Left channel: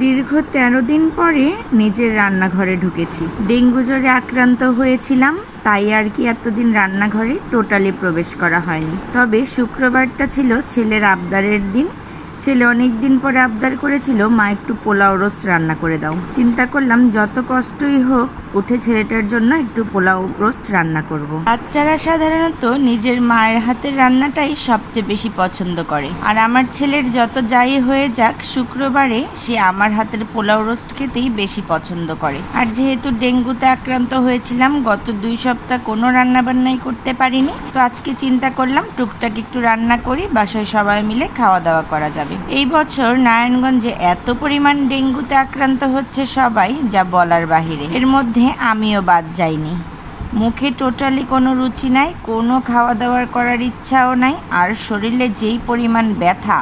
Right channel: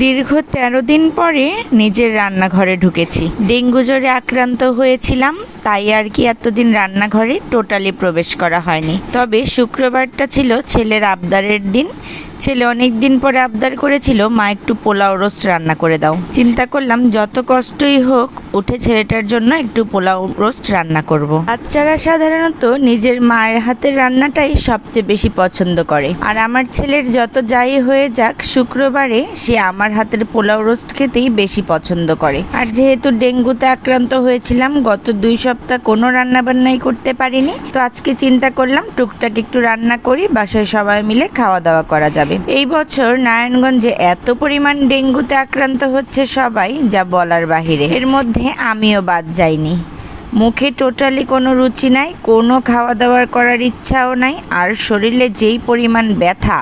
দীর্ঘ 13 দিন পরে নিজের রান্নাঘরে ঢুকেছি। ডেঙ্গু জ্বরে আক্রান্ত হয়েছিলাম, তাই আর কি এতদিন রান্নাঘরে টোটালি প্রবেশ করা হয়নি। তবে শুক্রবারটা ছিল ছেলের আবদারের দিন। ছেলে অনেক দিন পরে আবদার করেছিল, মা একটু পোলাও রোস্ট রান্না করে দাও। চিন্তা করলাম যত কষ্টই হোক উঠে ছেলেটার জন্য একটু পোলাও রোস্ট রান্না করব। বাচ্চারা সাধারণত নিজের মায়ের হাতের রান্নাটাই সবচেয়ে বেশি পছন্দ করে, আর আমার ছেলের যত যাই হয়ে যাক শুক্রবারে সে আমার হাতের পোলাও রোস্ট খেতেই বেশি পছন্দ করে। আর যেহেতু ডেঙ্গুতে আক্রান্ত হয়েছিলাম, গত 2 সপ্তাহ কোনো রান্না বান্নাই করতে পারিনি, তো আজকে চিন্তা করলাম টুকটাক একটু রান্না করি, বাসায় সবাই মিলে খাওয়া দাওয়া করা যাবে। এই বছর নারায়ণগঞ্জে এত পরিমাণ ডেঙ্গুতে আক্রান্ত হচ্ছে সবাই, যা বলার বাহিরে। এর মধ্যে আমিও বাদ যাইনি। মুখে টোটালি কোনো রুচি নাই, কোনো খাওয়া দাওয়া করার ইচ্ছাও নাই, আর শরীরে যেই পরিমাণ ব্যথা,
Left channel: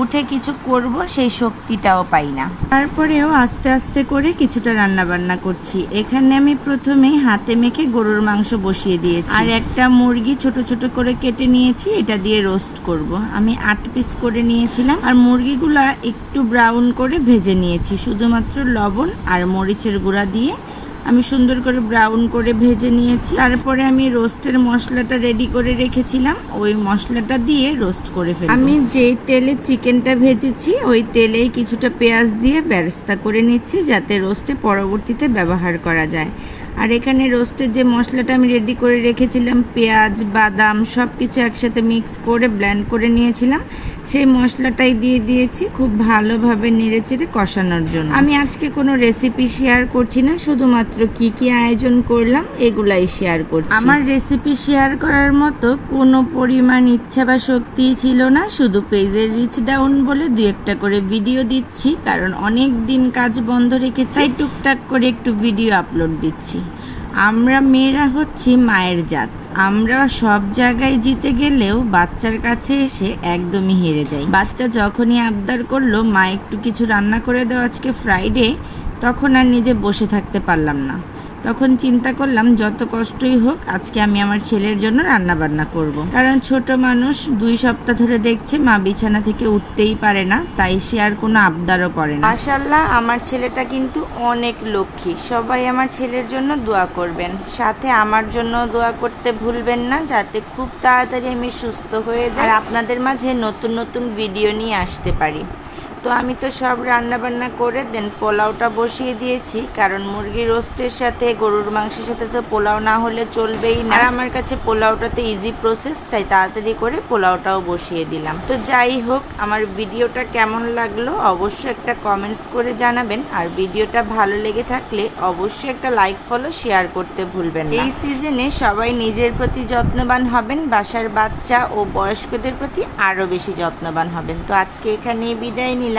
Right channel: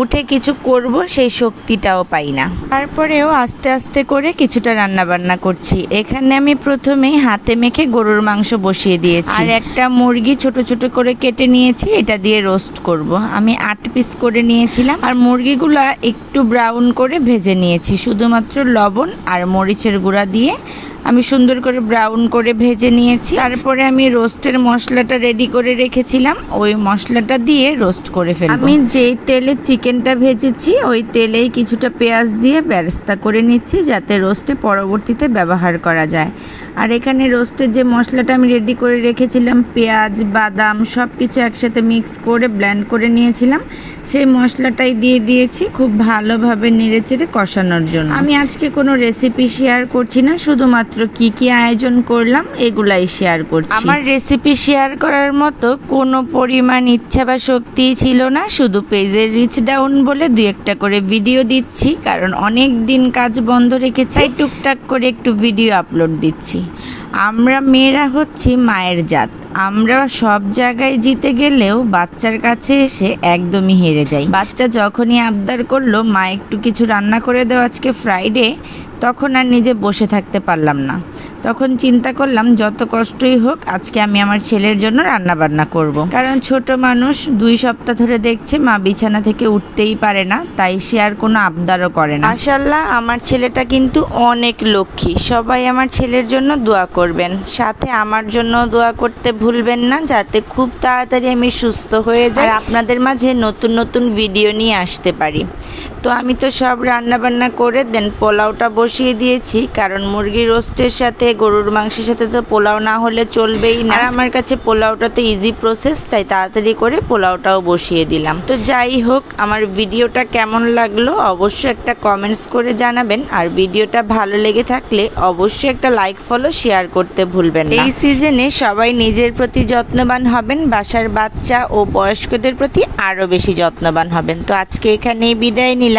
উঠে কিছু করব সেই শক্তিটাও পাই না। তারপরেও আস্তে আস্তে করে কিছুটা রান্না বান্না করছি। এখানে আমি প্রথমেই হাতে মেখে গরুর মাংস বসিয়ে দিয়েছি, আর একটা মুরগি ছোট ছোট করে কেটে নিয়েছি, এটা দিয়ে রোস্ট করব। আমি 8 পিস করে নিয়েছিলাম, আর মুরগিগুলা একটু ব্রাউন করে ভেজে নিয়েছি, শুধুমাত্র লবণ আর মরিচের গুঁড়া দিয়ে আমি সুন্দর করে ব্রাউন করে ভেজে নিয়েছি। তারপরে আমি রোস্টের মশলাটা রেডি করে রেখেছিলাম, ওই মশলাটা দিয়ে রোস্ট করে ফেলবো। আমি যেই তেলে চিকেনটা ভেজেছি ওই তেলেই কিছুটা পেঁয়াজ দিয়ে বেরেস্তা করে নিচ্ছি, যাতে রোস্টে পরবর্তীতে ব্যবহার করা যায়। আর এখানে রোস্টের যে মশলাটা আমি রেডি করে রেখেছিলাম, পেঁয়াজ বাদাম সব কিছু একসাথে মিক্স করে ব্লেন্ড করে নিয়েছিলাম, সেই মশলাটাই দিয়ে দিয়েছি খুব ভালোভাবে নেড়েচেড়ে কষানোর জন্য। আমি আজকে কোনো রেসিপি শেয়ার করছি না, শুধুমাত্র কি কি আয়োজন করলাম এগুলাই শেয়ার করছি। আমার রেসিপি শেয়ার করার মতো কোনো পরিমাণ ইচ্ছা বা শক্তিই ছিল না, শুধু পেজের রিচ ডাউন বলে 2-1টা করে ভিডিও দিচ্ছি, কারণ অনেক দিন কাজ বন্ধ রেখেছি, তাই টুকটাক করে একটু ভিডিও আপলোড দিচ্ছি। আমরা মেয়েরা হচ্ছি মায়ের জাত, আমরা সব জায়গায় জিতে গেলেও বাচ্চার কাছে এসে একদমই হেরে যাই। বাচ্চা যখনই আবদার করলো মা একটু কিছু রান্না করে দাও আজকে ফ্রাইডে, তখন আর নিজে বসে থাকতে পারলাম না। তখন চিন্তা করলাম যত কষ্টই হোক আজকে আমি আমার ছেলের জন্য রান্না বান্না করব। কারণ ছোট মানুষ 2 সপ্তাহ ধরে দেখছে মা বিছানা থেকে উঠতেই পারে না, তাই সে আর কোনো আবদারও করে না। মাশাআল্লাহ, আমার ছেলেটা কিন্তু অনেক লক্ষ্মী। সবাই আমার ছেলের জন্য দোয়া করবেন, সাথে আমার জন্য দোয়া করতে ভুলবেন না, যাতে খুব তাড়াতাড়ি আমি সুস্থ হয়ে যাই, আপনাদের মাঝে নতুন নতুন ভিডিও নিয়ে আসতে পারি। তো আমি তো সব রান্না বান্না করে দেন পোলাওটা বসিয়ে দিয়েছি, কারণ মুরগির রোস্টের সাথে গরুর মাংসের সাথে তো পোলাও না হলে চলবেই না। আর আমার কাছে পোলাওটা তো ইজি প্রসেস, তাই তাড়াতাড়ি করে পোলাওটাও বসিয়ে দিলাম। তো যাই হোক, আমার ভিডিওটা কেমন লাগলো অবশ্যই একটা কমেন্টস করে জানাবেন, আর ভিডিওটা ভালো লেগে থাকলে অবশ্যই একটা লাইক ফলো শেয়ার করতে ভুলবেন না। এই সিজনে সবাই নিজের প্রতি যত্নবান হবেন, বাসার বাচ্চা ও বয়স্কদের প্রতি আরও বেশি যত্নবান হবেন। তো আজকে এখানেই বিদায় নিলাম।